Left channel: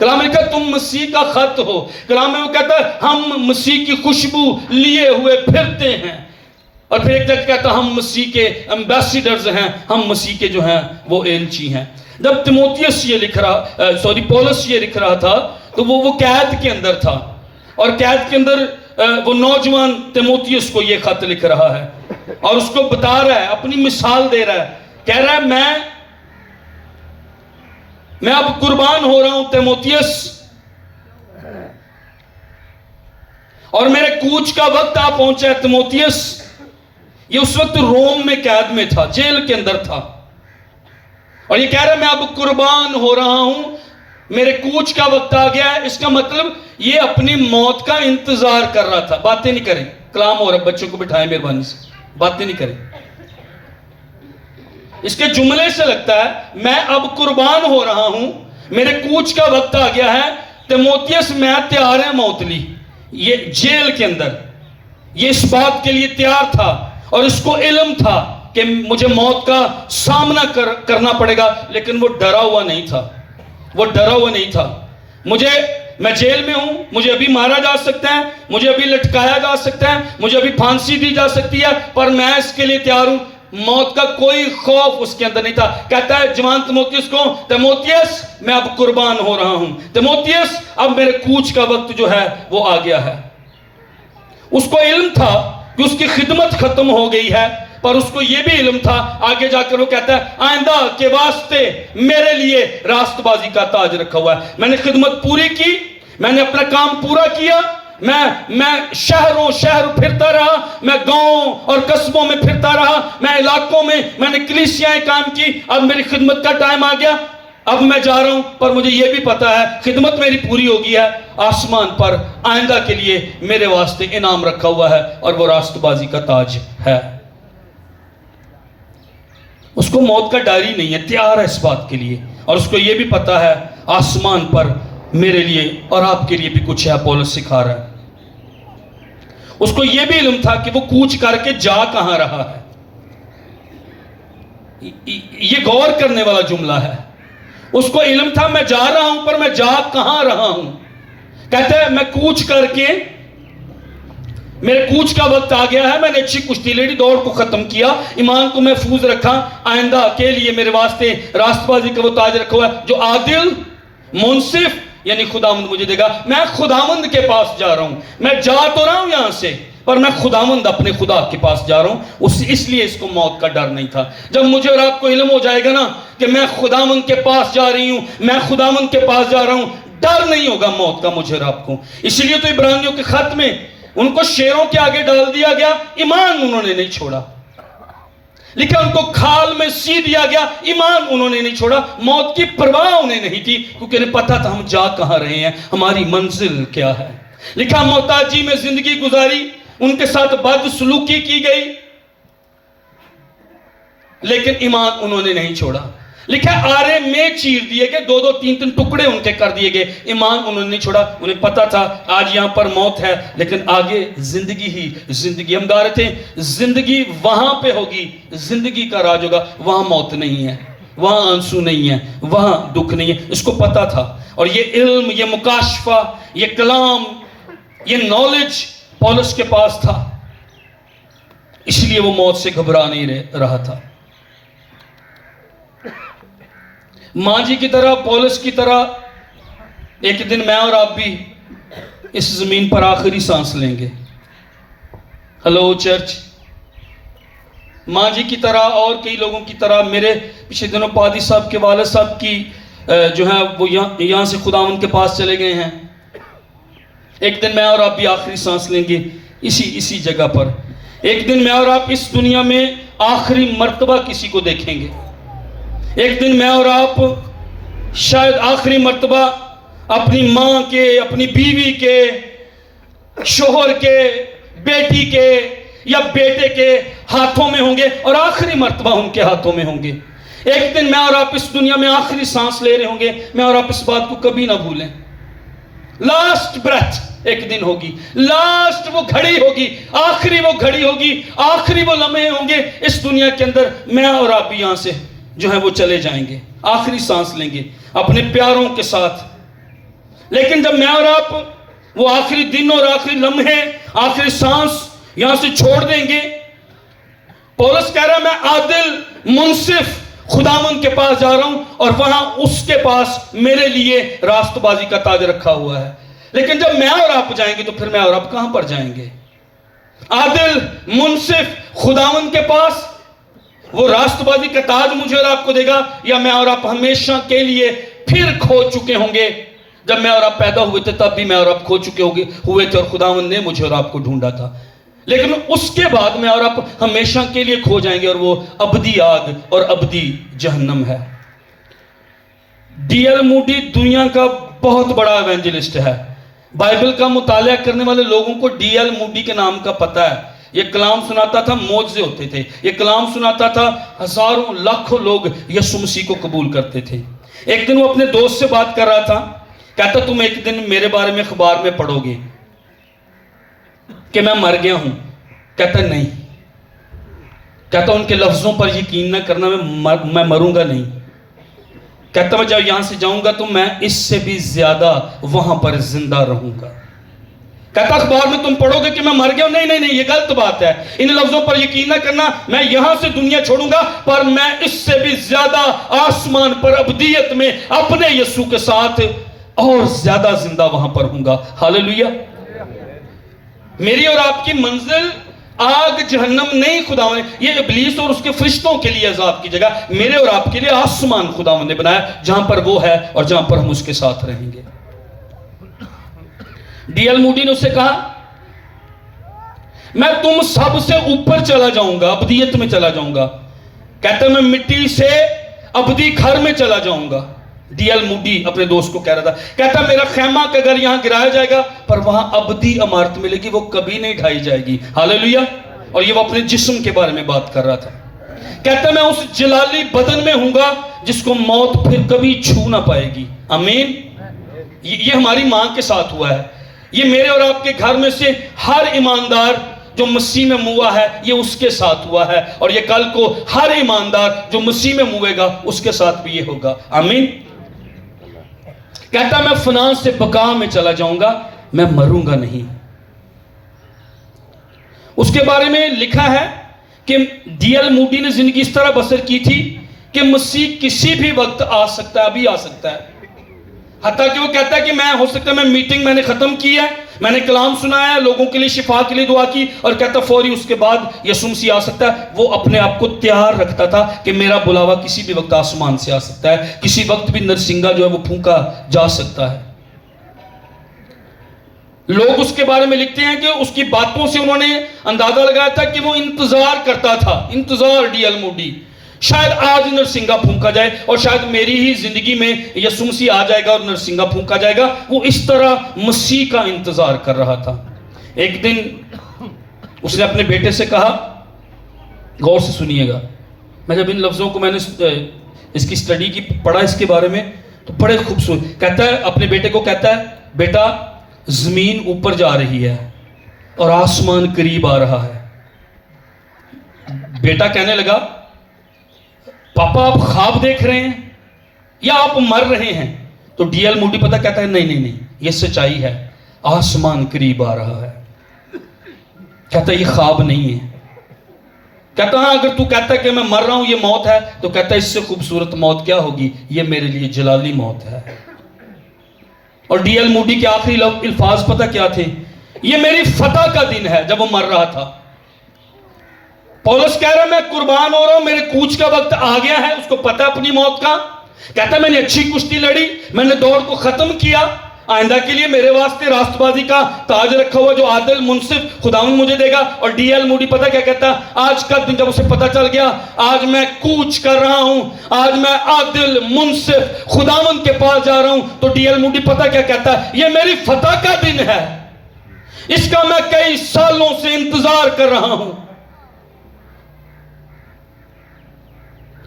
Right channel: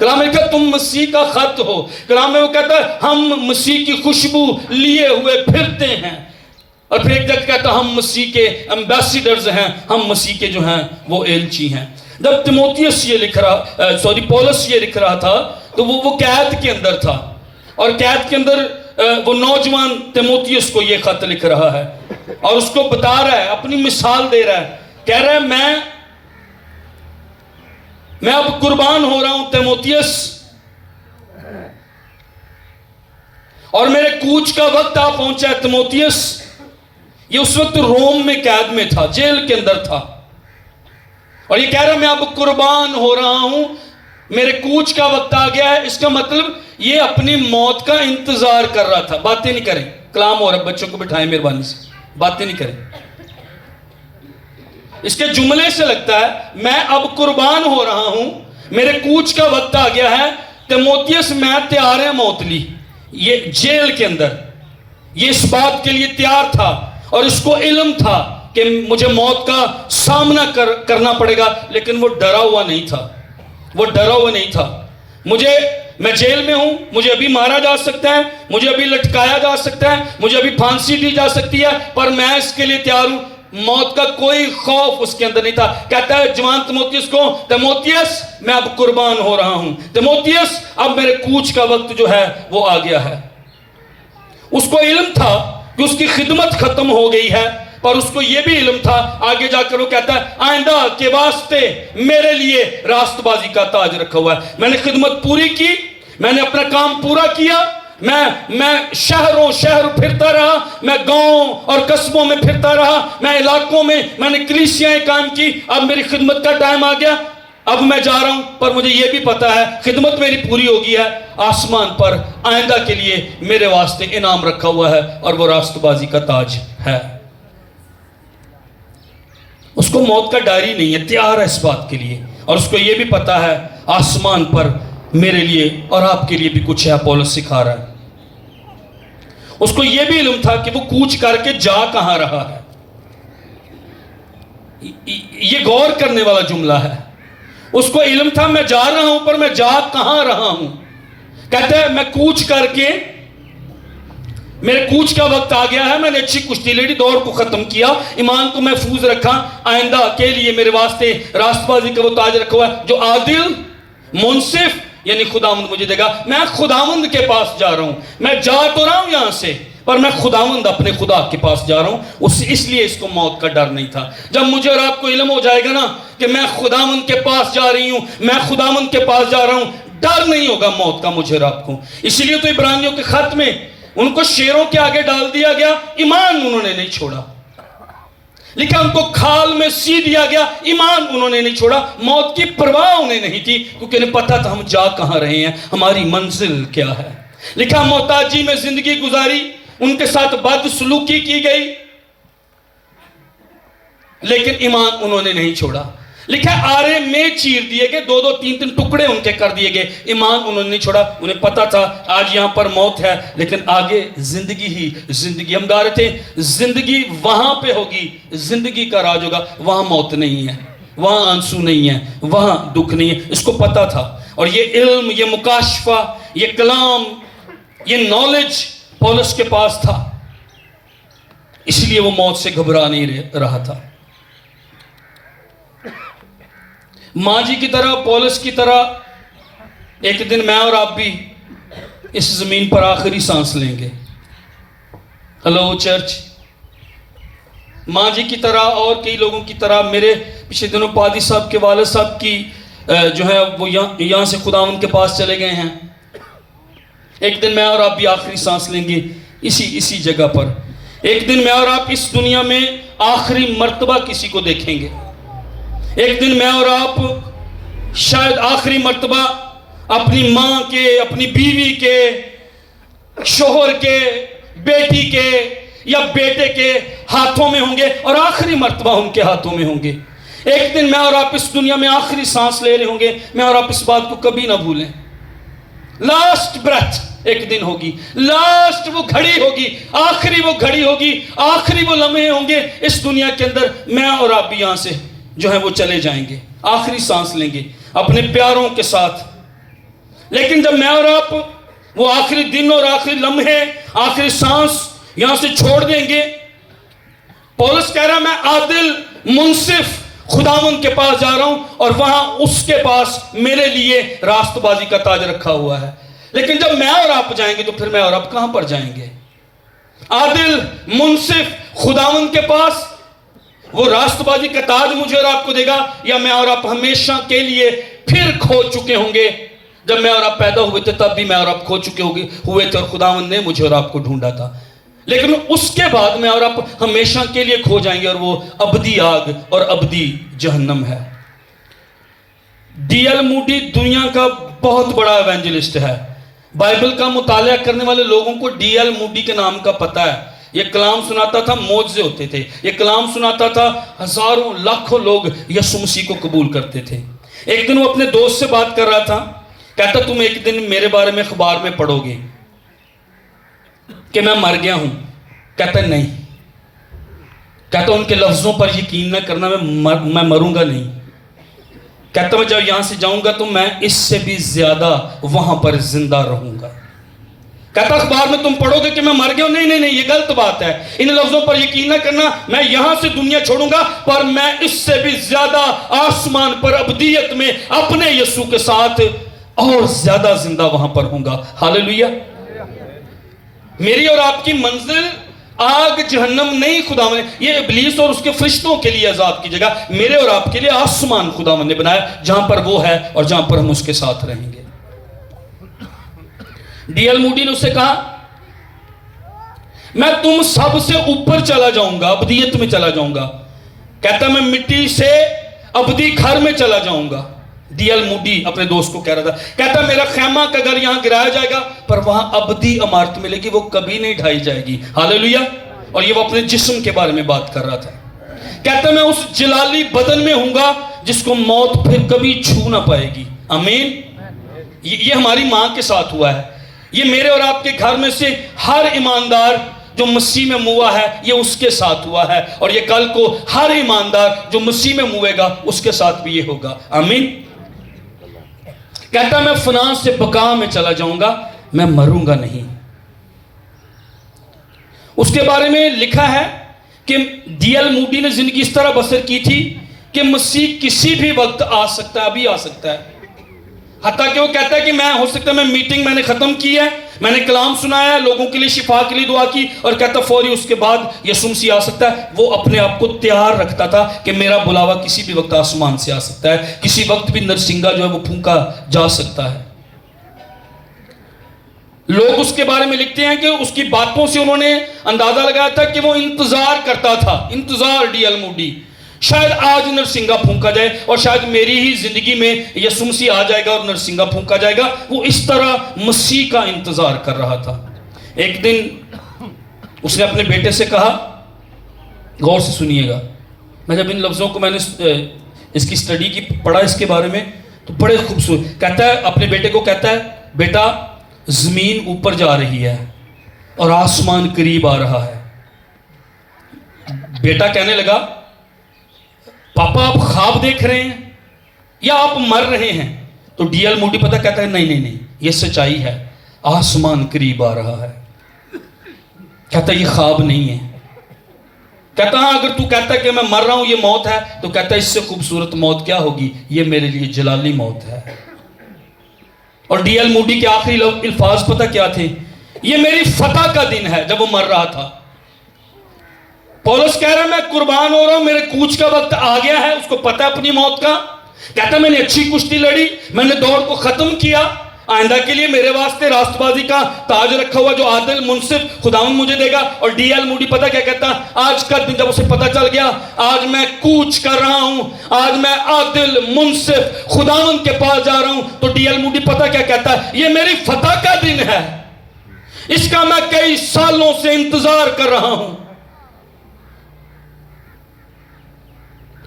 کلام میں کہتا تم مسیح کا خط ہو. کلام میں وہ کہتا ہے ہم مسیح کی خوشبو لیے ہوئے پھرتے ہیں. اور پھر ایک جگہ کہتا ہم مسیح کے ایمبیسیڈرز ہیں, ہم مسیح کے جو ہیں وہ ایلچی ہیں. جب تیموتھیوس یہ لکھ رہا پولس یہ لکھ رہا تھا تو وہ قید کے اندر تھا, اور قید کے اندر وہ نوجوان تیموتھیوس کو یہ خط لکھ رہا ہے اور اس کو بتا رہا ہے, اپنی مثال دے رہا ہے, کہہ رہا ہے میں اب قربان ہو رہا ہوں تیموتھیوس, اور میرے کوچ کا وقت آ پہنچا ہے. تیموتھیوس یہ اس وقت روم میں قید میں تھا, جیل کے اندر تھا, اور یہ کہہ رہا ہے میں اب قربان ہو رہا ہوں, میرے کوچ کا وقت آ گیا ہے. اس کا مطلب یہ اپنی موت کا انتظار کر رہا تھا. باتیں نہیں کریں, کلام ہو رہا ہے, بچوں کو بٹھائیں مہربانی سے, باتیں نہیں کریں. اس کے جملے سے لگتا ہے میں اب قربان ہو رہا ہوں, میرے کوچ کا وقت آ گیا ہے. تیموتھیوس میں تیار ہے موت لی, یہ جیل کے اندر, یہ اس بات کے لیے تیار تھا اور اس کو علم تھا کہ مجھے موت کا سامنا کرنا پڑے گا, لیکن وہ ڈرا ہوا نہیں تھا, وہ ڈرا ہوا نہیں تھا. میں جیل میں ہوں, مجھے ابھی مارا جا سکتا ہے, مجھے ابھی لٹکایا جا سکتا ہے, مجھے ابھی پھانسی دی جا سکتی ہے, پر میں اس کے لیے تیار ہوں. موت کا کوئی خوف اس کے اندر نہیں تھا. کہتا ہے جوان تیموتھیوس کو, تیموتھیوس میں اب قربان ہو رہا ہوں, تیموتھیوس اب میرے کوچ کا وقت جو ہے وہ آ گیا ہے. اس کو علم تھا کہ اس کی خدمت ختم ہو گئی ہے, پر اس کو یہ بھی علم تھا, آگے جا کر وہ کہتا ہے آئندہ کے واسطے میرے لیے راست بازی کا تاج رکھا ہوا ہے. میں نے خدمت پوری کی, میں نے اپنا کام پورا کیا, میں شہروں پھرتا رہا, میں گاؤں اور قصبوں میں پھرتا رہا, میں علاقوں میں نے کلیسیاں کام کی. اب میری خدمت کا ٹائم آ گیا, اب میں جا رہا ہوں, پر مجھے یہ بھی پتا ہے خدمت میری پوری ہو گئی ہے. آسمان پر آئندہ کے لیے میرے واسطے انعام رکھا ہوا ہے, اور وہ راست بازی کا تاج ہے. اس کو موت کا ڈر ہی نہیں ہے, تیار ہے اس بات کے لیے, اور اس کو یہ بھی پتا ہے آسمان پر میرے لیے اور آپ کے لیے بھی کچھ ہے. پولس سکھا رہا ہے. اس کو یہ بھی علم تھا کہ وہ کوچ کر کے جا کہاں رہا ہے. یہ غور کرنے والا جملہ ہے. اس کو علم تھا میں جا رہا ہوں, پر میں جا کہاں رہا ہوں. کہتا ہے میں کوچ کر کے, میرے کوچ کا وقت آ گیا ہے, میں نے اچھی کشتی لڑی, دوڑ کو ختم کیا, ایمان کو محفوظ رکھا, آئندہ کے لیے میرے واسطے راست بازی کا وہ تاج رکھا ہوا ہے جو عادل منصف یعنی خداوند مجھے دے گا. میں خداوند کے پاس جا رہا ہوں, میں جا تو رہا ہوں یہاں سے, پر میں خداوند اپنے خدا کے پاس جا رہا ہوں. اس لیے اس کو موت کا ڈر نہیں تھا. جب مجھے اور آپ کو علم ہو جائے گا نا کہ میں خداوند کے پاس جا رہی ہوں, میں خداوند کے پاس جا رہا ہوں, ڈر نہیں ہوگا موت کا مجھے اور آپ کو. اسی لیے تو عبرانیوں کے خط میں ان کو شیروں کے آگے ڈال دیا گیا, ایمان انہوں نے نہیں چھوڑا. لیکن ان کو کھال میں سی دیا گیا, ایمان انہوں نے نہیں چھوڑا. موت کی پرواہ انہیں نہیں تھی, کیونکہ انہیں پتا تھا ہم جا کہاں رہے ہیں, ہماری منزل کیا ہے. لکھا محتاجی میں زندگی گزاری, ان کے ساتھ بد سلوکی کی گئی, لیکن ایمان انہوں نے نہیں چھوڑا. لکھا آرے میں چیر دیے گئے, 2-3 ٹکڑے ان کے کر دیے گئے, ایمان انہوں نے نہیں چھوڑا. انہیں پتا تھا آج یہاں پر موت ہے, لیکن آگے زندگی ہی زندگی. ہم گا رہے تھے زندگی وہاں پہ ہوگی, زندگی کا راج ہوگا, وہاں موت نہیں ہے, وہاں آنسو نہیں ہے, وہاں دکھ نہیں ہے. اس کو پتا تھا, اور یہ علم, یہ مکاشفہ, یہ کلام, یہ نالج پولس کے پاس تھا. اس لیے وہ موت سے گھبرا نہیں رہا تھا. ماں جی کی طرح, پولس کی طرح ایک دن میں اور آپ بھی اس زمین پر آخری سانس لیں گے. Hello church. ماں جی کی طرح اور کئی لوگوں کی طرح, میرے پچھلے دنوں پادی صاحب کے والد صاحب کی جو ہے وہ یہاں سے خداوند کے پاس چلے گئے ہیں. ایک دن میں اور آپ بھی آخری سانس لیں گے اسی جگہ پر. ایک دن میں اور آپ اس دنیا میں آخری مرتبہ کسی کو دیکھیں گے. ایک دن میں اور آپ شاید آخری مرتبہ اپنی ماں کے, اپنی بیوی کے, شوہر کے, بیٹی کے یا بیٹے کے ہاتھوں میں ہوں گے, اور آخری مرتبہ ان کے ہاتھوں میں ہوں گے. ایک دن میں اور آپ اس دنیا میں آخری سانس لے رہے ہوں گے. میں اور آپ اس بات کو کبھی نہ بھولیں. لاسٹ بریتھ ایک دن ہوگی, لاسٹ وہ گھڑی ہوگی, آخری وہ گھڑی ہوگی, آخری وہ لمحے ہوں گے اس دنیا کے اندر. میں اور آپ بھی یہاں سے جو ہے وہ چلے جائیں گے, آخری سانس لیں گے اپنے پیاروں کے ساتھ. لیکن جب میں اور آپ وہ آخری دن اور آخری لمحے، آخری سانس یہاں سے چھوڑ دیں گے، پولس کہہ رہا ہے میں عادل منصف خداوند کے پاس جا رہا ہوں، اور وہاں اس کے پاس میرے لیے راست بازی کا تاج رکھا ہوا ہے۔ لیکن جب میں اور آپ جائیں گے تو پھر میں اور آپ کہاں پر جائیں گے؟ عادل منصف خداوند کے پاس وہ راست بازی کا تاج مجھے اور آپ کو دے گا، یا میں اور آپ ہمیشہ کے لیے پھر کھو چکے ہوں گے؟ جب میں اور آپ پیدا ہوئے تھے تب بھی میں اور آپ کھو چکے ہوئے تھے، اور خداوند نے مجھے اور آپ کو ڈھونڈا تھا، لیکن اس کے بعد میں اور آپ ہمیشہ کے لیے کھو جائیں گے، اور وہ ابدی آگ اور ابدی جہنم ہے۔ ڈی ایل موڈی دنیا کا بہت بڑا ایونجلسٹ ہے۔ بائبل کا مطالعہ کرنے والے لوگوں کو ڈی ایل موڈی کے نام کا پتہ ہے۔ یہ کلام سناتا تھا، معجزے ہوتے تھے۔ یہ کلام سناتا تھا، ہزاروں لاکھوں لوگ یسوع مسیح کو قبول کرتے تھے۔ ایک دن وہ اپنے دوست سے بات کر رہا تھا، کہتا تم ایک دن میرے بارے میں اخبار میں پڑھو گے کہ میں مر گیا ہوں۔ کہتا نہیں، کہتا ان کے لفظوں پر یقین نہ کرنا، میں مروں گا نہیں۔ کہتا میں جب یہاں سے جاؤں گا تو میں اس سے بھی زیادہ وہاں پر زندہ رہوں گا۔ کہتا اخبار میں تم پڑھو گے کہ میں مر گیا ہوں، نہیں، یہ غلط بات ہے، ان لفظوں پر یقین نہ کرنا، میں یہاں سے دنیا چھوڑوں گا پر میں اس سے بھی زیادہ آسمان پر ابدیت میں اپنے یسوع کے ساتھ اور زیادہ زندہ وہاں پر ہوں گا۔ ہاللیلویہ۔ میری اور آپ کی منزل آگ جہنم نہیں خداوند، یہ ابلیس اور اس کے فرشتوں کے لیے عذاب کی جگہ، میرے اور آپ کے لیے آسمان خداوند نے بنایا جہاں پر وہ ہے اور جہاں پر ہم اس کے ساتھ رہیں گے۔ ڈی ایل موڈی نے اس سے کہا میں تم سب سے اوپر چلا جاؤں گا، ابدیت میں چلا جاؤں گا۔ کہتا میں مٹی سے ابدی گھر میں چلا جاؤں گا۔ ڈی ایل موڈی اپنے دوست کو کہہ رہا تھا، کہتا میرا خیمہ کا گھر یہاں گرایا جائے گا پر وہاں ابدی عمارت ملے گی، وہ کبھی نہیں ڈھائی جائے گی۔ ہاللیلویہ۔ اور یہ وہ اپنے جسم کے بارے میں بات کر رہا تھا۔ کہتا میں اس جلالی بدن میں ہوں گا جس کو موت پھر کبھی چھو نہ پائے گی۔ آمین۔ یہ ہماری ماں کے ساتھ ہوا ہے، یہ میرے اور آپ کے گھر میں سے ہر ایماندار جو مسیح میں موا ہے یہ اس کے ساتھ ہوا ہے، اور یہ کل کو ہر ایماندار جو مسیح میں موے گا اس کے ساتھ بھی یہ ہوگا۔ آمین۔ کہتا میں فنا سے بقا میں چلا جاؤں گا، میں مروں گا نہیں۔ اس کے بارے میں لکھا ہے کہ ڈی ایل موڈی نے زندگی اس طرح بسر کی تھی کہ مسیح کسی بھی وقت آ سکتا ہے، ابھی آ سکتا ہے۔ حتیٰ کہ وہ کہتا ہے کہ میں ہو سکتا ہے میں میٹنگ میں نے ختم کی ہے، میں نے کلام سنایا ہے، لوگوں کے لیے شفا کے لیے دعا کی، اور کہتا فوری اس کے بعد یسوع مسیح آ سکتا ہے۔ وہ اپنے آپ کو تیار رکھتا تھا کہ میرا بلاوا کسی بھی وقت آسمان سے آ سکتا ہے، کسی وقت بھی نرسنگا جو ہے وہ پھونکا جا سکتا ہے۔ لوگ اس کے بارے میں لکھتے ہیں کہ اس کی باتوں سے انہوں نے اندازہ لگایا تھا کہ وہ انتظار کرتا تھا، انتظار ڈی ایل موڈی، شاید آج نرسنگا پھونکا جائے اور شاید میری ہی زندگی میں یسوع مسیح آ جائے گا اور نرسنگا پھونکا جائے گا۔ وہ اس طرح مسیح کا انتظار کر رہا تھا۔ ایک دن اس نے اپنے بیٹے سے کہا، غور سے سنیے گا، میں جب ان لفظوں کو میں نے اس کی سٹڈی کی پڑھا اس کے بارے میں تو بڑے خوبصورت، کہتا ہے اپنے بیٹے کو کہتا ہے بیٹا زمین اوپر جا رہی ہے اور آسمان قریب آ رہا ہے۔ بیٹا کہنے لگا پاپا آپ خواب دیکھ رہے ہیں یا آپ مر رہے ہیں؟ تو ڈی ایل موڈی پتہ کہتا ہے نہیں یہ سچائی ہے، آسمان قریب آ رہا ہے۔ کہتا ہے یہ خواب نہیں ہے۔ کہتا ہاں اگر تو کہتا ہے کہ میں مر رہا ہوں یہ موت ہے، تو کہتا ہے اس سے خوبصورت موت کیا ہوگی، یہ میرے لیے جلالی موت ہے۔ اور ڈی ایل موڈی کے آخری الفاظ پتہ کیا تھے؟ یہ میری فتح کا دن ہے، جب وہ مر رہا تھا۔ پولس کہہ رہا ہے میں قربان ہو رہا ہوں، میرے کوچ کا وقت آ گیا ہے، اس کو پتہ ہے اپنی موت کا۔ کہتا میں نے اچھی کشتی لڑی، میں نے دوڑ کو ختم کیا، آئندہ کے لیے میرے واسطے راست بازی کا تاج رکھا ہوا جو عادل منصف خداوند مجھے دے گا۔ اور ڈی ایل موڈی پتہ کیا کہتا، آج کا دن جب اسے پتہ چل گیا آج میں کوچ کر رہا ہوں، آج میں عادل منصف خداوند کے پاس جا رہا ہوں، تو ڈی ایل موڈی پتہ کیا کہتا ہے، یہ میری فتح کا دن ہے، اس کا میں کئی سالوں سے انتظار کر رہا ہوں۔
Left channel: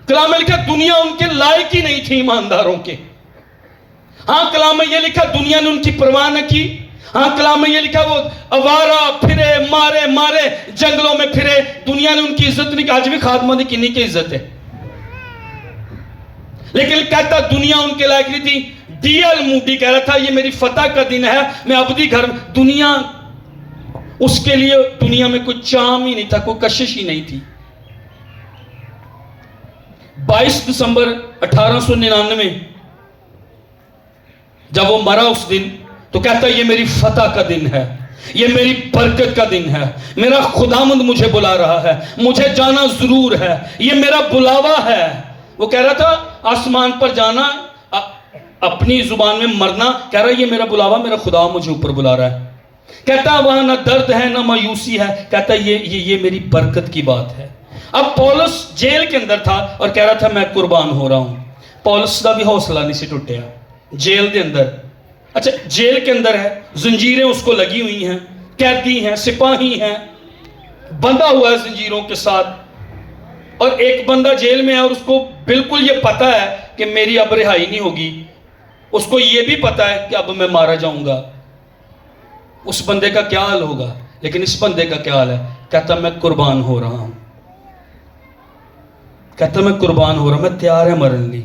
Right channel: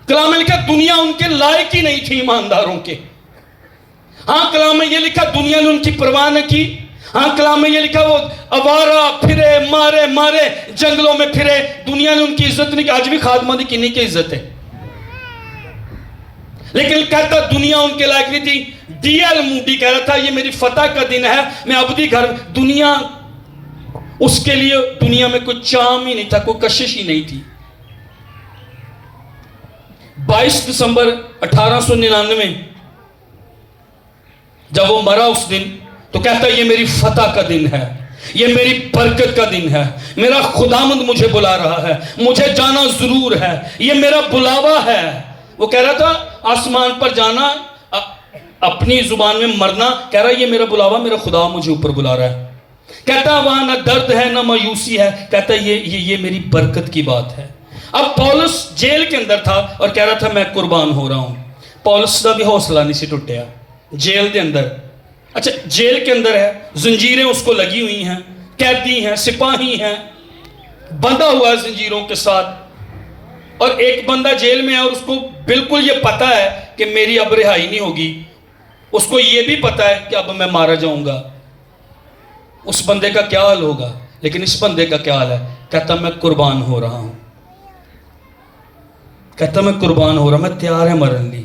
کلام میں لکھا دنیا ان کے لائق ہی نہیں تھی ایمانداروں کے۔ ہاں کلام میں یہ لکھا دنیا نے ان کی پرواہ نہ کی۔ ہاں کلام میں یہ لکھا وہ آوارہ پھرے، مارے جنگلوں میں پھرے، دنیا نے ان کی عزت نہیں کی۔ آج بھی خادمہ دی کنی کی عزت ہے؟ لیکن کہتا دنیا ان کے لائق نہیں تھی. ڈی ایل موڈی کہہ رہا تھا یہ میری فتح کا دن ہے, میں ابدی گھر. دنیا اس کے لیے دنیا میں کوئی چام ہی نہیں تھا, کوئی کشش ہی نہیں تھی. 22 دسمبر 1899 جب وہ مرا اس دن, تو کہتا یہ میری فتح کا دن ہے, یہ میری برکت کا دن ہے, میرا خداوند مجھے بلا رہا ہے, مجھے جانا ضرور ہے, یہ میرا بلاوا ہے. وہ کہہ رہا تھا آسمان پر جانا, اپنی زبان میں مرنا, کہہ رہا یہ میرا بلاوا, میرا خدا مجھے اوپر بلا رہا ہے. کہتا وہاں نہ درد ہے نہ مایوسی ہے, کہتا یہ میری برکت کی بات ہے. اب پولس جیل کے اندر تھا اور کہہ رہا تھا میں قربان ہو رہا ہوں. پولس کا بھی حوصلہ نہیں سی ٹوٹیا جیل کے اندر. اچھا جیل کے اندر ہے, زنجیریں اس کو لگی ہوئی ہیں, قیدی ہیں, سپاہی ہیں, بندھا ہوا ہے زنجیروں کے ساتھ, اور ایک بندہ جیل میں ہے اور اس کو بالکل یہ پتا ہے کہ میری اب رہائی نہیں ہوگی. اس کو یہ بھی پتا ہے کہ اب میں مارا جاؤں گا. اس بندے کا کیا حال ہوگا؟ لیکن اس بندے کا کیا حال ہے؟ کہتا میں قربان ہو رہا ہوں, کہتا میں قربان ہو رہا ہوں, میں تیار ہے مرنے لی.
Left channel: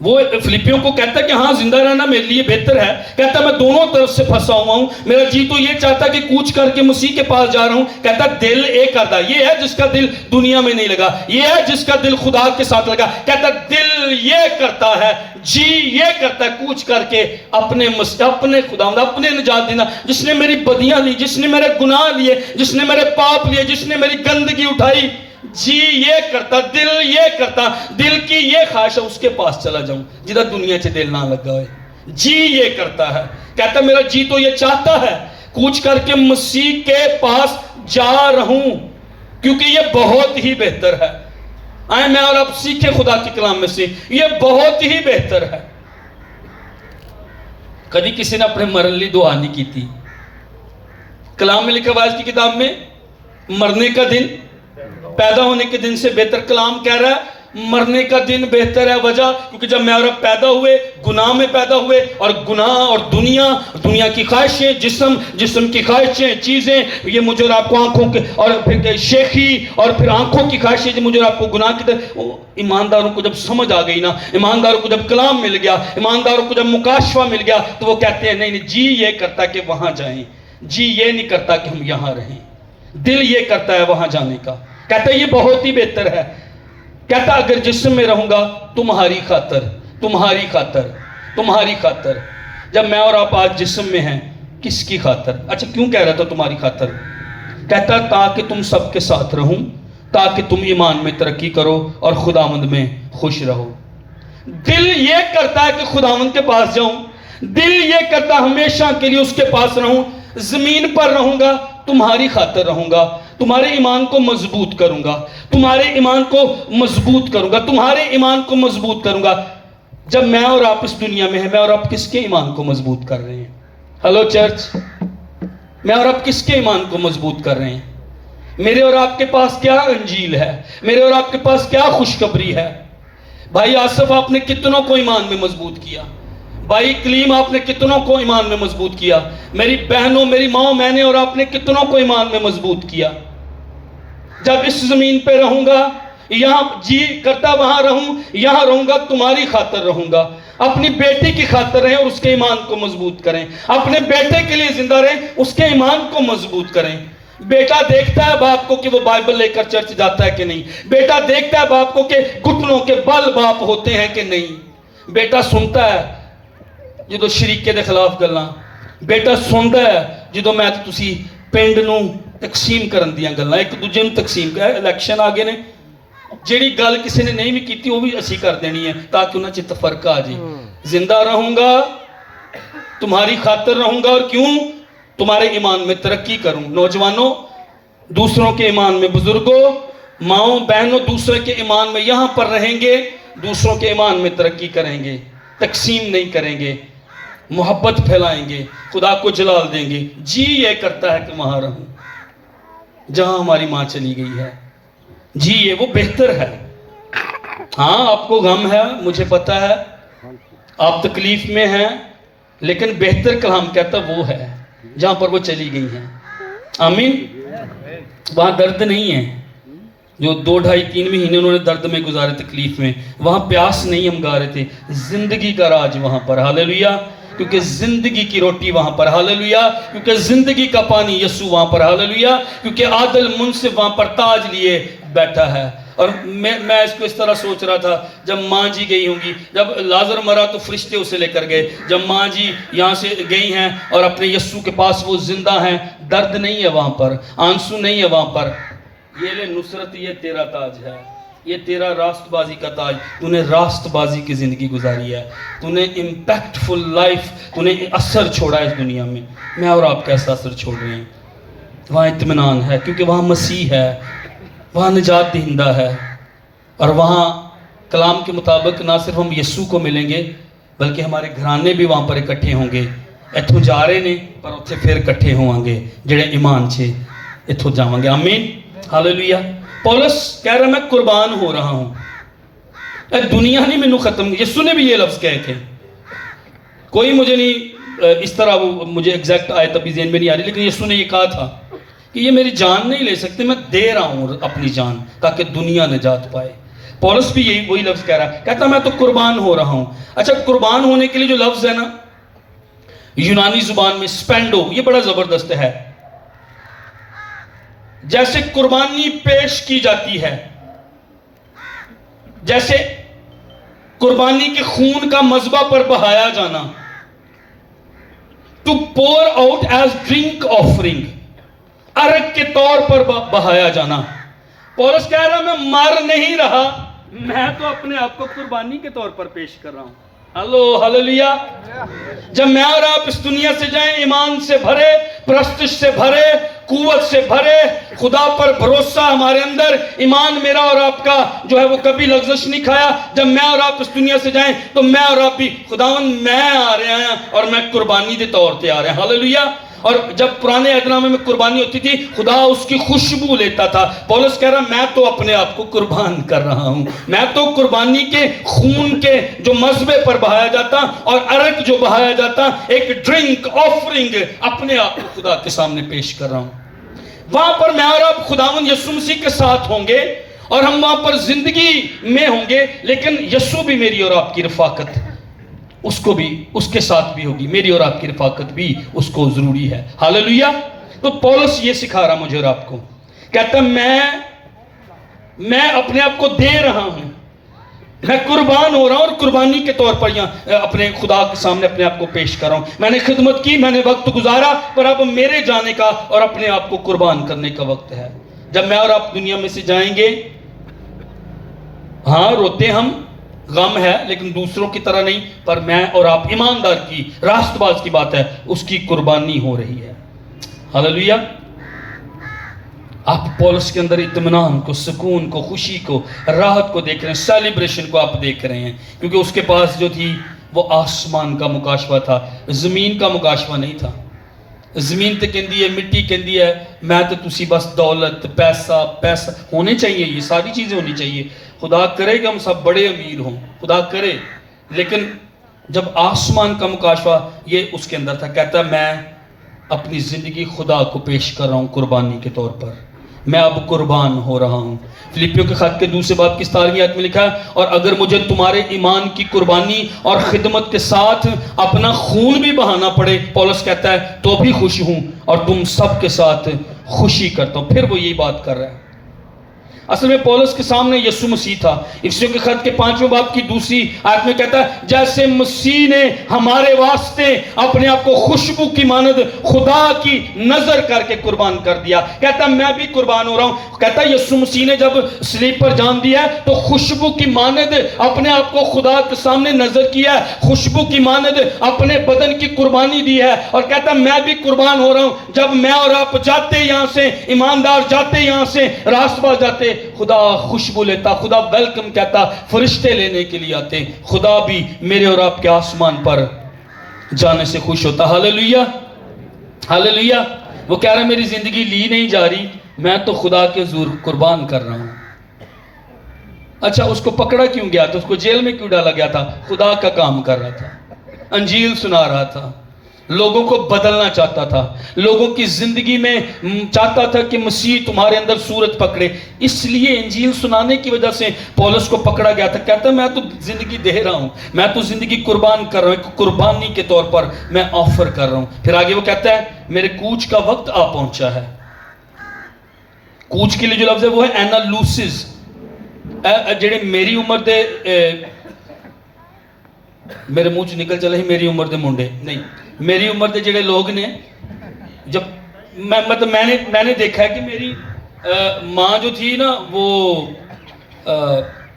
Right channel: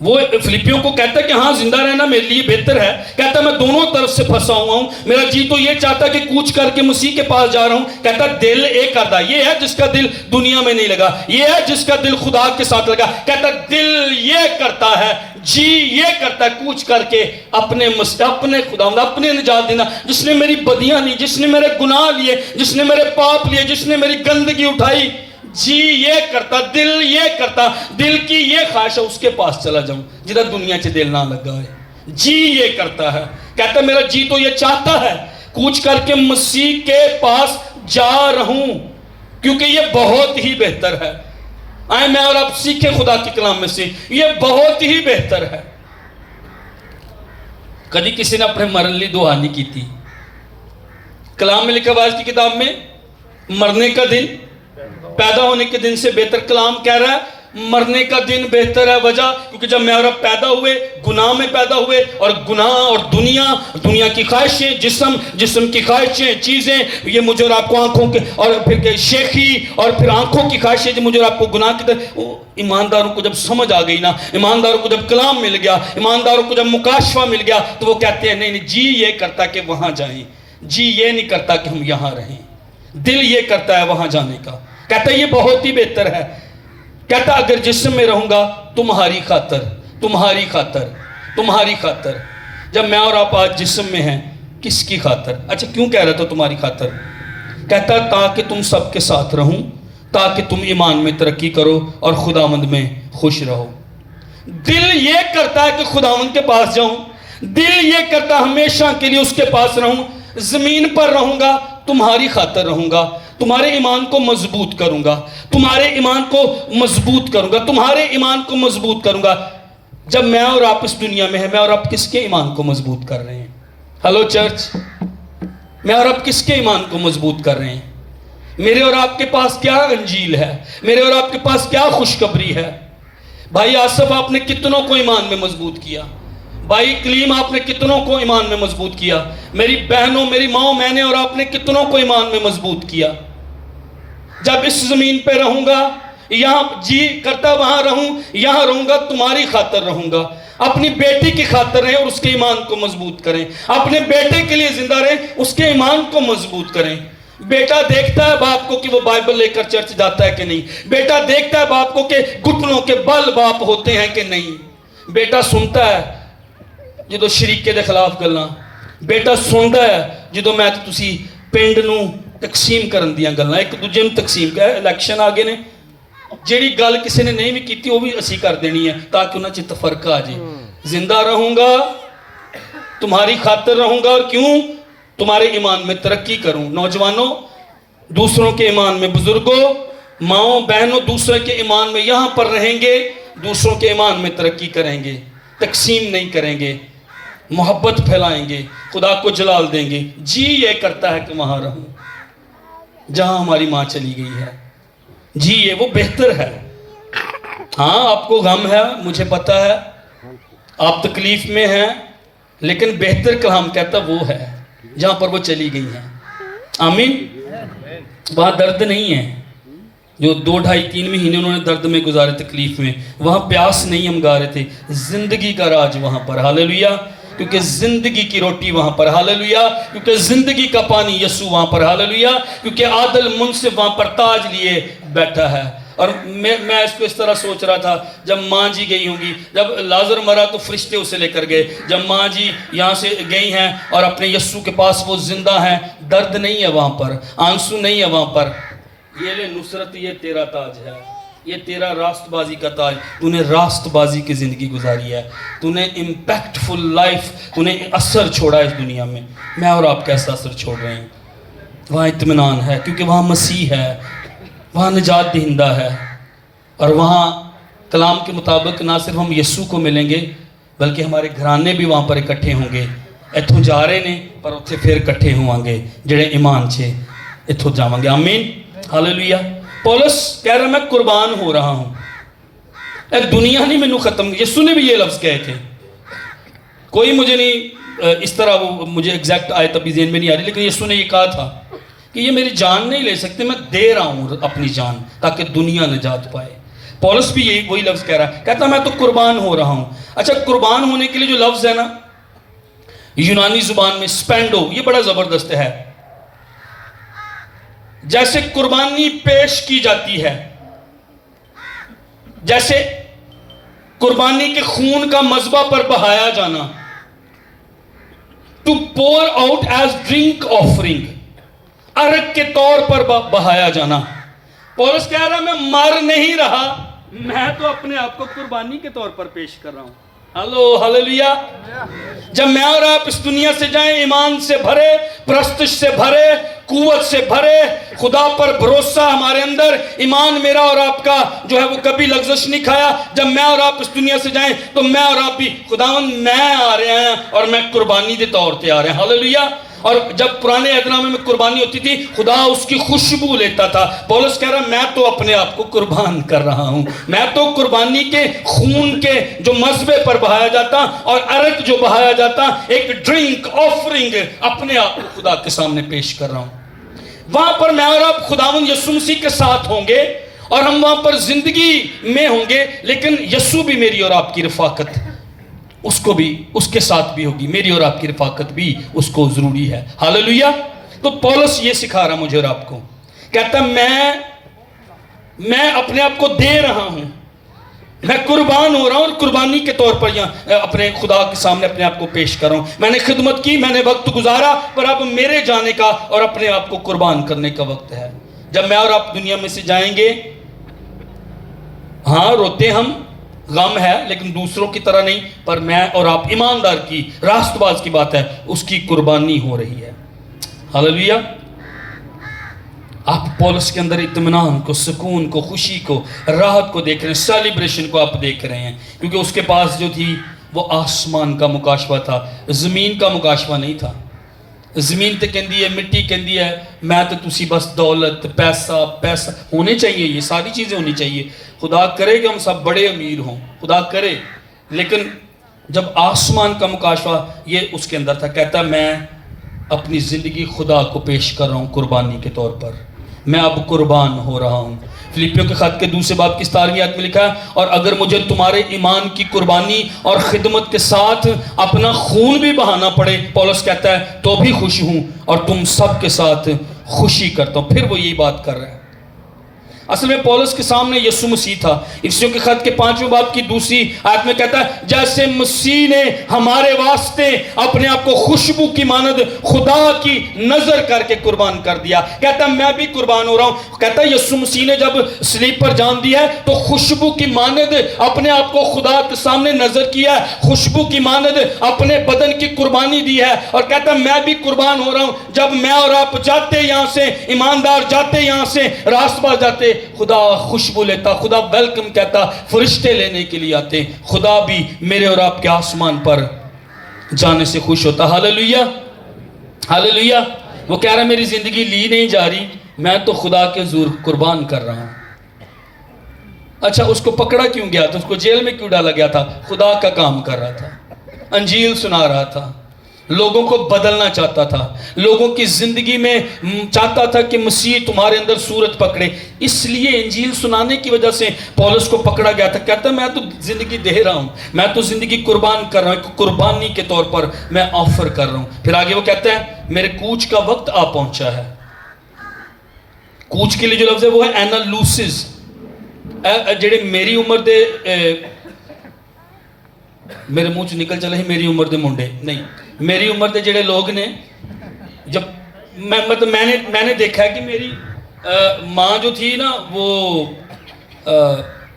وہ فلپیوں کو کہتا کہ ہاں زندہ رہنا میرے لیے بہتر ہے. کہتا میں دونوں طرف سے پھنسا ہوا ہوں, میرا جی تو یہ چاہتا کہ کوچ کر کے مسیح کے پاس جا رہا ہوں. کہتا دل ایک کرتا, یہ ہے جس کا دل دنیا میں نہیں لگا, یہ ہے جس کا دل خدا کے ساتھ لگا. کہتا دل یہ کرتا ہے, جی یہ کرتا ہے کوچ کر کے اپنے خدا, اپنے نجات دینا, جس نے میری بدیاں لی, جس نے میرے گناہ لیے, جس نے میرے پاپ لیے, جس نے میری گندگی اٹھائی. جی یہ کرتا, دل یہ کرتا, دل کی یہ خواہش ہے اس کے پاس چلا جاؤں جدھر دنیا سے دل نہ لگا ہے. جی یہ کرتا ہے. کہتا میرا جی تو یہ چاہتا ہے کوچ کر کے مسیح کے پاس جا رہوں, کیونکہ یہ بہت ہی بہتر ہے. آئیں میں اور آپ سیکھیں خدا کے کلام میں سے, یہ بہت ہی بہتر ہے. کبھی کسی نے اپنے مرن لی دعا نہیں کی تھی. کلام میں لکھا وائز کی کتاب میں مرنے کا دن پیدا ہونے کے دن سے بہتر. کلام کہہ رہا ہے مرنے کا دن بہتر ہے. وجہ کیونکہ جب میں اور اب پیدا ہوئے گناہ میں پیدا ہوئے, اور گناہ اور دنیا کی خواہشیں, جسم کی خواہشیں, چیزیں, یہ مجھے اور آپ کو آنکھوں کے اور پھر شیخی اور پھر آنکھوں کی خواہشیں جو مجھے اور آپ کو گناہ کی طرف. ایمانداروں کو جب سمجھ آ گئی نا, ایمانداروں کو جب کلام مل گیا, ایمانداروں کو جب مکاشفہ مل گیا, تو وہ کہتے ہیں نہیں جی یہ کرتا کہ وہاں جائیں, جی یہ نہیں کرتا کہ ہم یہاں رہیں. دل یہ کرتا ہے وہاں جانے کا. کہتا ہے یہ بہت ہی بہتر ہے. کہتا اگر جسم میں رہوں گا تمہاری خاطر, تمہاری خاطر, تمہاری خاطر. جب میں اور آپ آج جسم میں ہیں کس کی خاطر؟ اچھا کیوں کہہ رہا تھا تمہاری خاطر؟ کہتا تاکہ تم سب کے ساتھ رہوں, تاکہ تم ایمان میں ترقی کرو اور خداوند میں خوش رہو. دل یہ کرتا ہے کہ خداوند کے پاس جاؤں, دل یہ کرتا ہمیشہ کے لیے اس کے پاس رہوں. زمین پر رہوں گا تمہاری خاطر رہوں گا, تمہارے ایمان کو مضبوط کروں گا, تمہارے ایمان کو مضبوط کروں گا, تمہارے ایمان کو مضبوط کروں گا. جب میں اور آپ اس دنیا میں ہیں, میں اور آپ کس کے ایمان کو مضبوط کر رہے ہیں؟ ہلو چرچ, میں اور آپ کس کے ایمان کو مضبوط کر رہے ہیں؟ میرے اور آپ کے پاس کیا انجیل ہے؟ میرے اور آپ کے پاس کیا خوشخبری ہے؟ بھائی آصف آپ نے کتنوں کو ایمان میں مضبوط کیا؟ بھائی کلیم آپ نے کتنوں کو ایمان میں مضبوط کیا؟ میری بہنوں, میری ماں, میں نے اور آپ نے کتنوں کو ایمان میں مضبوط کیا؟ جب اس زمین پہ رہوں گا, یہاں جی کرتا وہاں رہوں, یہاں رہوں گا تمہاری خاطر رہوں گا. اپنی بیٹی کی خاطر رہیں اور اس کے ایمان کو مضبوط کریں. اپنے بیٹے کے لیے زندہ رہیں, اس کے ایمان کو مضبوط کریں. بیٹا دیکھتا ہے باپ کو کہ وہ بائبل لے کر چرچ جاتا ہے کہ نہیں. بیٹا دیکھتا ہے باپ کو کہ گھٹنوں کے بل باپ ہوتے ہیں کہ نہیں. بیٹا سنتا ہے جدو شریکے دے خلاف گلاں, بیٹا سنتا ہے جدو میں تسی پنڈ نو تقسیم کرن دیاں گلاں, ایک دوجے نوں تقسیم کر. الیکشن آگے نے, جیڑی گل کسی نے نہیں بھی کیتی وہ بھی اسی کر دینی ہے تاکہ انہاں چ تفرقہ آ جائے. زندہ رہوں گا تمہاری خاطر رہوں گا, اور کیوں؟ تمہارے ایمان میں ترقی کروں. نوجوانوں دوسروں کے ایمان میں, بزرگوں ماؤں بہنوں دوسرے کے ایمان میں یہاں پر رہیں گے, دوسروں کے ایمان میں ترقی کریں گے, تقسیم نہیں کریں گے, محبت پھیلائیں گے, خدا کو جلال دیں گے. جی یہ کرتا ہے کہ وہاں رہوں جہاں ہماری ماں چلی گئی ہے. جی یہ وہ بہتر ہے. ہاں آپ کو غم ہے, مجھے پتا ہے, آپ تکلیف میں ہیں, لیکن بہتر کلام کہتا وہ ہے جہاں پر وہ چلی گئی ہیں. آمین. وہاں درد نہیں ہے, جو 2-2.5-3 مہینے انہوں نے درد میں گزارے، تکلیف میں، وہاں پیاس نہیں ہم گا رہے تھے، زندگی کا راج وہاں پر، ہاللیلویہ، کیونکہ زندگی کی روٹی وہاں پر، ہاللیلویہ، کیونکہ زندگی کا پانی یسوع وہاں پر، ہاللیلویہ، کیونکہ عادل منصف وہاں پر تاج لیے بیٹھا ہے۔ اور میں اس کو اس طرح سوچ رہا تھا، جب ماں جی گئی ہوں گی، جب لازر مرا تو فرشتے اسے لے کر گئے، جب ماں جی یہاں سے گئی ہیں اور اپنے یسوع کے پاس وہ زندہ ہیں، درد نہیں ہے وہاں پر، آنسو نہیں ہے وہاں پر، یہ لے نصرت، یہ تیرا تاج ہے، یہ تیرا راست بازی کا تاج، تو نے راست بازی کی زندگی گزاری ہے، تو نے امپیکٹفل لائف، تو نے اثر چھوڑا ہے اس دنیا میں اور آپ کیسا اثر چھوڑ رہے ہیں؟ وہاں اطمینان ہے، کیونکہ وہاں مسیح ہے، وہاں نجات دہندہ ہے، اور وہاں کلام کے مطابق نہ صرف ہم یسوع کو ملیں گے بلکہ ہمارے گھرانے بھی وہاں پر اکٹھے ہوں گے، اتھوں جا رہے نے پر اتھے پھر اکٹھے ہوں گے جڑے ایمان چھے اتھوں جاؤں گے، آمین، ہاللیلویہ۔ پولس کہہ رہا میں قربان ہو رہا ہوں، اے دنیا نہیں میں ختم، یسوع نے بھی یہ لفظ کہے تھے، کوئی مجھے نہیں اس طرح وہ مجھے ایگزیکٹ آیت ابھی ذہن میں نہیں آ رہی، لیکن یسوع نے یہ کہا تھا کہ یہ میری جان نہیں لے سکتے، میں دے رہا ہوں اپنی جان تاکہ دنیا نجات پائے۔ پولس بھی یہی وہی لفظ کہہ رہا ہے، کہتا میں تو قربان ہو رہا ہوں۔ اچھا، قربان ہونے کے لیے جو لفظ ہے نا یونانی زبان میں سپینڈو، یہ بڑا زبردست ہے، جیسے قربانی پیش کی جاتی ہے، جیسے قربانی کے خون کا مذبح پر بہایا جانا، to pour out as drink offering، عرق کے طور پر بہایا جانا۔ پولس کہہ رہا میں مر نہیں رہا، میں تو اپنے آپ کو قربانی کے طور پر پیش کر رہا ہوں، ہاللیلویہ۔ جب میں اور آپ اس دنیا سے جائیں ایمان سے بھرے، پرستش سے بھرے، قوت سے بھرے، خدا پر بھروسہ ہمارے اندر، ایمان میرا اور آپ کا جو ہے وہ کبھی لغزش نہیں کھایا، جب میں اور آپ اس دنیا سے جائیں تو میں اور آپ بھی خداوند میں آ رہے ہیں اور میں قربانی کے طور پہ آ رہے ہیں، ہاللیلویہ۔ اور جب پرانے عہد نامے میں قربانی ہوتی تھی خدا اس کی خوشبو لیتا تھا، پولس کہہ رہا میں تو اپنے آپ کو قربان کر رہا ہوں، میں تو قربانی کے خون کے جو مذبح پر بہایا جاتا اور عرق جو بہایا جاتا، ایک ڈرنک آفرنگ اپنے آپ کو خدا کے سامنے پیش کر رہا ہوں۔ وہاں پر میں اور آپ خداوند یسوع مسیح کے ساتھ ہوں گے اور ہم وہاں پر زندگی میں ہوں گے، لیکن یسوع بھی میری اور آپ کی رفاقت اس کو بھی اس کے ساتھ بھی ہوگی، میری اور آپ کی رفاقت بھی اس کو ضروری ہے، ہاللیلویہ۔ تو پولس یہ سکھا رہا مجھے اور آپ کو، کہتا میں اپنے آپ کو دے رہا ہوں، میں قربان ہو رہا ہوں اور قربانی کے طور پر یہاں اپنے خدا کے سامنے اپنے آپ کو پیش کر رہا ہوں۔ میں نے خدمت کی، میں نے وقت گزارا، پر اب میرے جانے کا اور اپنے آپ کو قربان کرنے کا وقت ہے۔ جب میں اور آپ دنیا میں سے جائیں گے، ہاں روتے ہم، غم ہے، لیکن دوسروں کی طرح نہیں، پر میں اور آپ ایماندار کی راست باز کی بات ہے، اس کی قربانی ہو رہی ہے، ہاللیلویہ۔ آپ پولس کے اندر اطمینان کو، سکون کو، خوشی کو، راحت کو دیکھ رہے ہیں، سیلیبریشن کو آپ دیکھ رہے ہیں، کیونکہ اس کے پاس جو تھی وہ آسمان کا مکاشفہ تھا، زمین کا مکاشفہ نہیں تھا۔ زمین تے کہندی ہے، مٹی کہندی ہے میں تو تسی بس دولت، پیسہ ہونے چاہیے، یہ ساری چیزیں ہونی چاہیے، خدا کرے کہ ہم سب بڑے امیر ہوں، خدا کرے، لیکن جب آسمان کا مکاشفہ یہ اس کے اندر تھا، کہتا میں اپنی زندگی خدا کو پیش کر رہا ہوں قربانی کے طور پر، میں اب قربان ہو رہا ہوں۔ فلیپیوں کے خط کے 2 باب کی 17ویں آیت میں لکھا ہے، اور اگر مجھے تمہارے ایمان کی قربانی اور خدمت کے ساتھ اپنا خون بھی بہانا پڑے، پولس کہتا ہے تو بھی خوش ہوں اور تم سب کے ساتھ خوشی کرتا ہوں۔ پھر وہ یہی بات کر رہا ہے، اصل میں پولس کے سامنے یسوع مسیح تھا۔ افسیوں کے خط کے 5ویں باب کی 2 آیت میں کہتا ہے جیسے مسیح نے ہمارے واسطے اپنے آپ کو خوشبو کی مانند خدا کی نظر کر کے قربان کر دیا، کہتا ہے میں بھی قربان ہو رہا ہوں۔ کہتا ہے یسوع مسیح نے جب صلیب پر جان دیا ہے تو خوشبو کی مانند اپنے آپ کو خدا کے سامنے نظر کیا ہے، خوشبو کی مانند اپنے بدن کی قربانی دی ہے، اور کہتا ہے میں بھی قربان ہو رہا ہوں۔ جب میں اور آپ جاتے یہاں سے، ایماندار جاتے یہاں سے، راست باز جاتے، خدا خوشبو لیتا، خدا ویلکم کہتا، فرشتے لینے کے لیے آتے، خدا بھی میرے اور آپ کے آسمان پر جانے سے خوش ہوتا، ہاللیلویہ، ہاللیلویہ۔ وہ کہہ رہا ہے میری زندگی لی نہیں جا رہی، میں تو خدا کے حضور قربان کر رہا ہوں۔ اچھا اس کو پکڑا کیوں گیا تھا، اس کو جیل میں کیوں ڈالا گیا تھا؟ خدا کا کام کر رہا تھا، انجیل سنا رہا تھا، لوگوں کو بدلنا چاہتا تھا, لوگوں کی زندگی میں چاہتا تھا کہ مسیح تمہارے اندر صورت پکڑے. اس لیے انجیل سنانے کی وجہ سے پولس کو پکڑا گیا تھا. کہتا میں تو زندگی دے رہا ہوں, میں تو زندگی قربان کر رہا ہوں, ایک قربانی کے طور پر میں آفر کر رہا ہوں. پھر آگے وہ کہتا ہے میرے کوچ کا وقت آ پہنچا ہے. کوچ کے لیے جو لفظ ہے وہ ہے اینالوسز. جڑے میری عمر دے میرے منہ چ نکل چلے ہی میری عمر دے منڈے نہیں, میری عمر دے جڑے لوگ نے, جب میں نے دیکھا ہے کہ میری ماں جو تھی نا وہ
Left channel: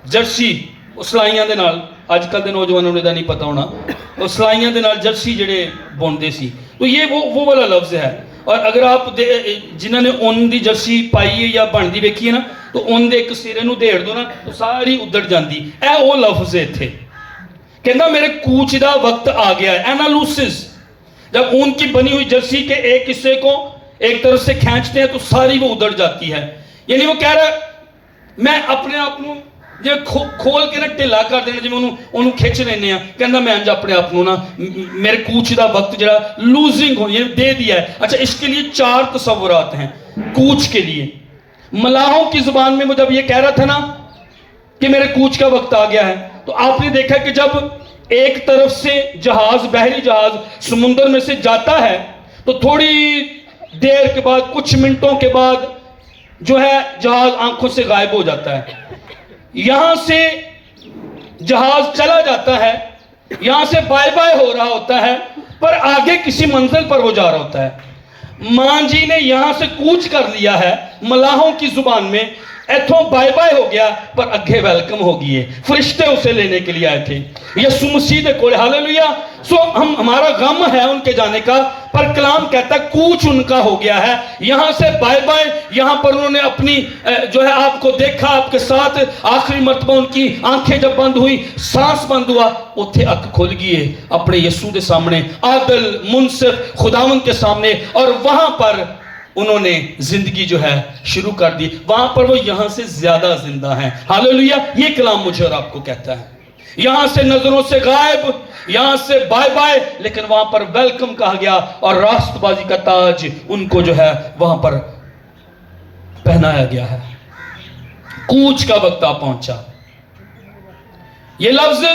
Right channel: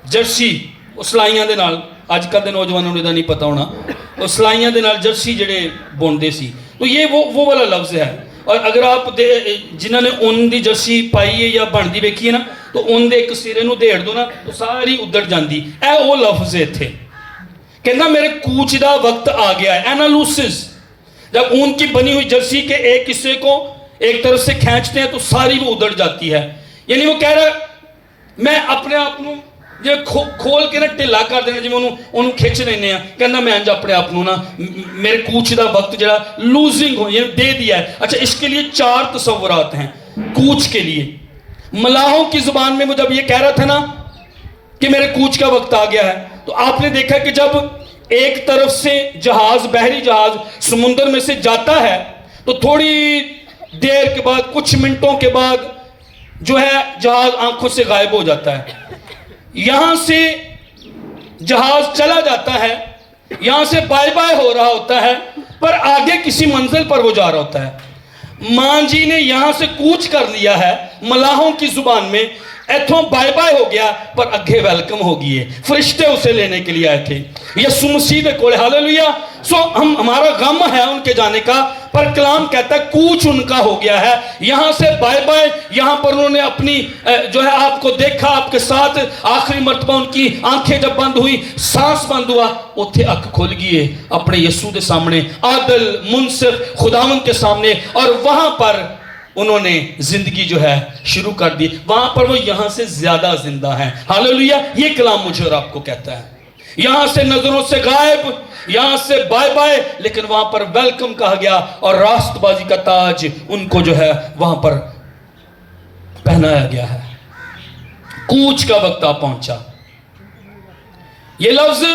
جرسی سلائیاں دے نال, آج کل دے نوجوانوں نے نہیں پتا ہونا, وہ سلائیاں دے نال جرسی جڑے بوندے سی. تو یہ وہ والا لفظ ہے. اور اگر آپ جنہوں نے اون دی جرسی پائی ہے یا بندی ویکھی ہے نا, تو اون دے ایک سرے نو دیڑ دو نا تو ساری ادڑ جاندی. اے وہ لفظ ہے تھے. کہنا میرے کوچ دا وقت آ گیا ہے. اینالوسز, جب اون کی بنی ہوئی جرسی کے ایک حصے کو ایک طرف سے کھینچتے ہیں تو ساری وہ ادڑ جاتی ہے. یعنی وہ کہہ رہا ہے میں اپنے آپ کو کھول کے نا ٹھلا کر دینا جی انہوں کھچ لینے ہیں. کہنا میں انج اپنے آپ نا میرے کوچ دا وقت جڑا لوزنگ ہو یہ دے دیا ہے. اچھا اس کے لیے 4 تصورات ہیں کوچ کے لیے. ملاحوں کی زبان میں وہ جب یہ کہہ رہا تھا نا کہ میرے کوچ کا وقت آ گیا ہے, تو آپ نے دیکھا کہ جب ایک طرف سے جہاز, بحری جہاز سمندر میں سے جاتا ہے تو تھوڑی دیر کے بعد, کچھ منٹوں کے بعد جو ہے جہاز آنکھوں سے غائب ہو جاتا ہے. یہاں سے جہاز چلا جاتا ہے, یہاں سے بائے بائے ہو رہا ہوتا ہے, پر آگے کسی منزل پر وہ جا رہا ہوتا ہے. ماں جی نے یہاں سے کوچ کر لیا ہے ملاحوں کی زبان میں, ایتھوں بائے بائے ہو گیا پر اگے ویلکم ہو گئے. فرشتے اسے لینے کے لیے آئے تھے. یسوع مسیح دے کولے, ہاللویا. سو ہمارا غم ہے ان کے جانے کا, پر کلام کہتا ہے کوچ ان کا ہو گیا ہے. یہاں سے بائے بائے, یہاں پر انہوں نے اپنی جو ہے آپ کو دیکھا, آپ کے ساتھ آخری مرتبہ ان کی آنکھیں جب بند ہوئی, سانس بند ہوا, اتھے اک کھل گئے اپنے یسوع دے سامنے, عادل منصف خداوند کے سامنے, اور وہاں پر انہوں نے زندگی جو ہے شروع کر دی. وہاں پر وہ یہاں سے زیادہ زندہ ہیں. ہاللویا. یہ کلام مجھے اور آپ کو کہتا ہے یہاں سے نظروں سے غائب, یہاں سے بائے بائے, لیکن وہاں پر ویلکم کہا گیا, اور راست بازی کا تاج ان کو جو ہے وہاں پر پہنایا گیا ہے. کوچ کا وقت آ پہنچا. یہ لفظ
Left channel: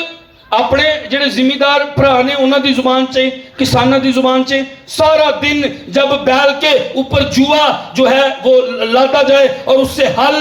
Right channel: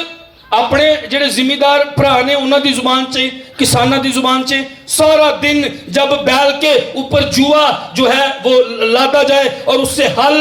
اپنے جڑے ذمہ دار بھرا نے انہاں دی زبان سے, کسانہ دی زبان سے, سارا دن جب بیل کے اوپر جوا جو ہے وہ لادا جائے اور اس سے ہل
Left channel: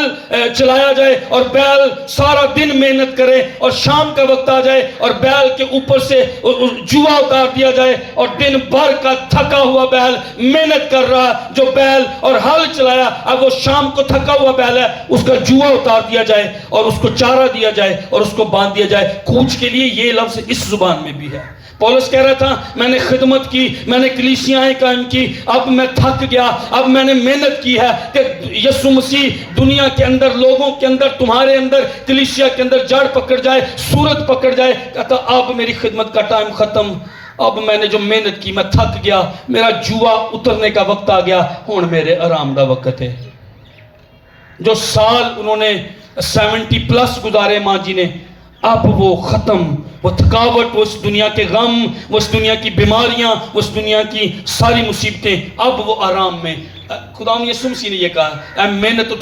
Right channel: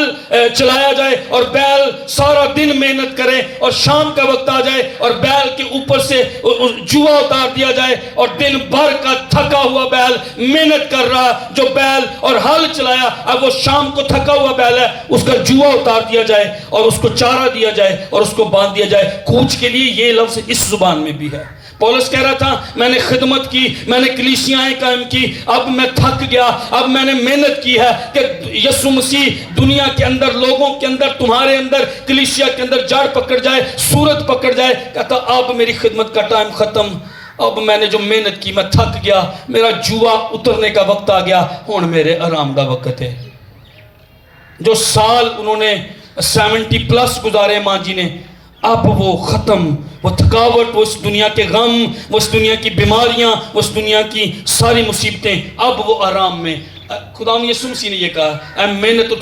چلایا جائے, اور بیل سارا دن محنت کرے, اور شام کا وقت آ جائے اور بیل کے اوپر سے جوا اتار دیا جائے, اور دن بھر کا تھکا ہوا بیل محنت کر رہا جو بیل اور ہل چلایا, اب وہ شام کو تھکا ہوا بیل ہے, اس کا جوا اتار دیا جائے اور اس کو چارہ دیا جائے اور اس کو باندھ دیا جائے. کوچ کے لیے یہ لفظ اس زبان میں بھی ہے. پولس کہہ رہا تھا میں نے خدمت کی, میں نے کلیسیاں قائم کی, اب میں تھک گیا, اب میں نے محنت کی ہے کہ یسوع مسیح دنیا کے اندر, لوگوں کے اندر, تمہارے اندر, کلیسیا کے اندر جڑ پکڑ جائے, صورت پکڑ جائے. کہتا اب میری خدمت کا ٹائم ختم, اب میں نے جو محنت کی میں تھک گیا, میرا جوا اترنے کا وقت آ گیا, ہن میرے آرام دا وقت ہے. جو سال انہوں نے 70+ گزارے ماں جی نے, اب وہ ختم, وہ تھکاوٹ, وہ اس دنیا کے غم, وہ اس دنیا کی بیماریاں, وہ اس دنیا کی ساری مصیبتیں, اب وہ آرام میں. خدا یسوع مسیح نے یہ کہا اے محنت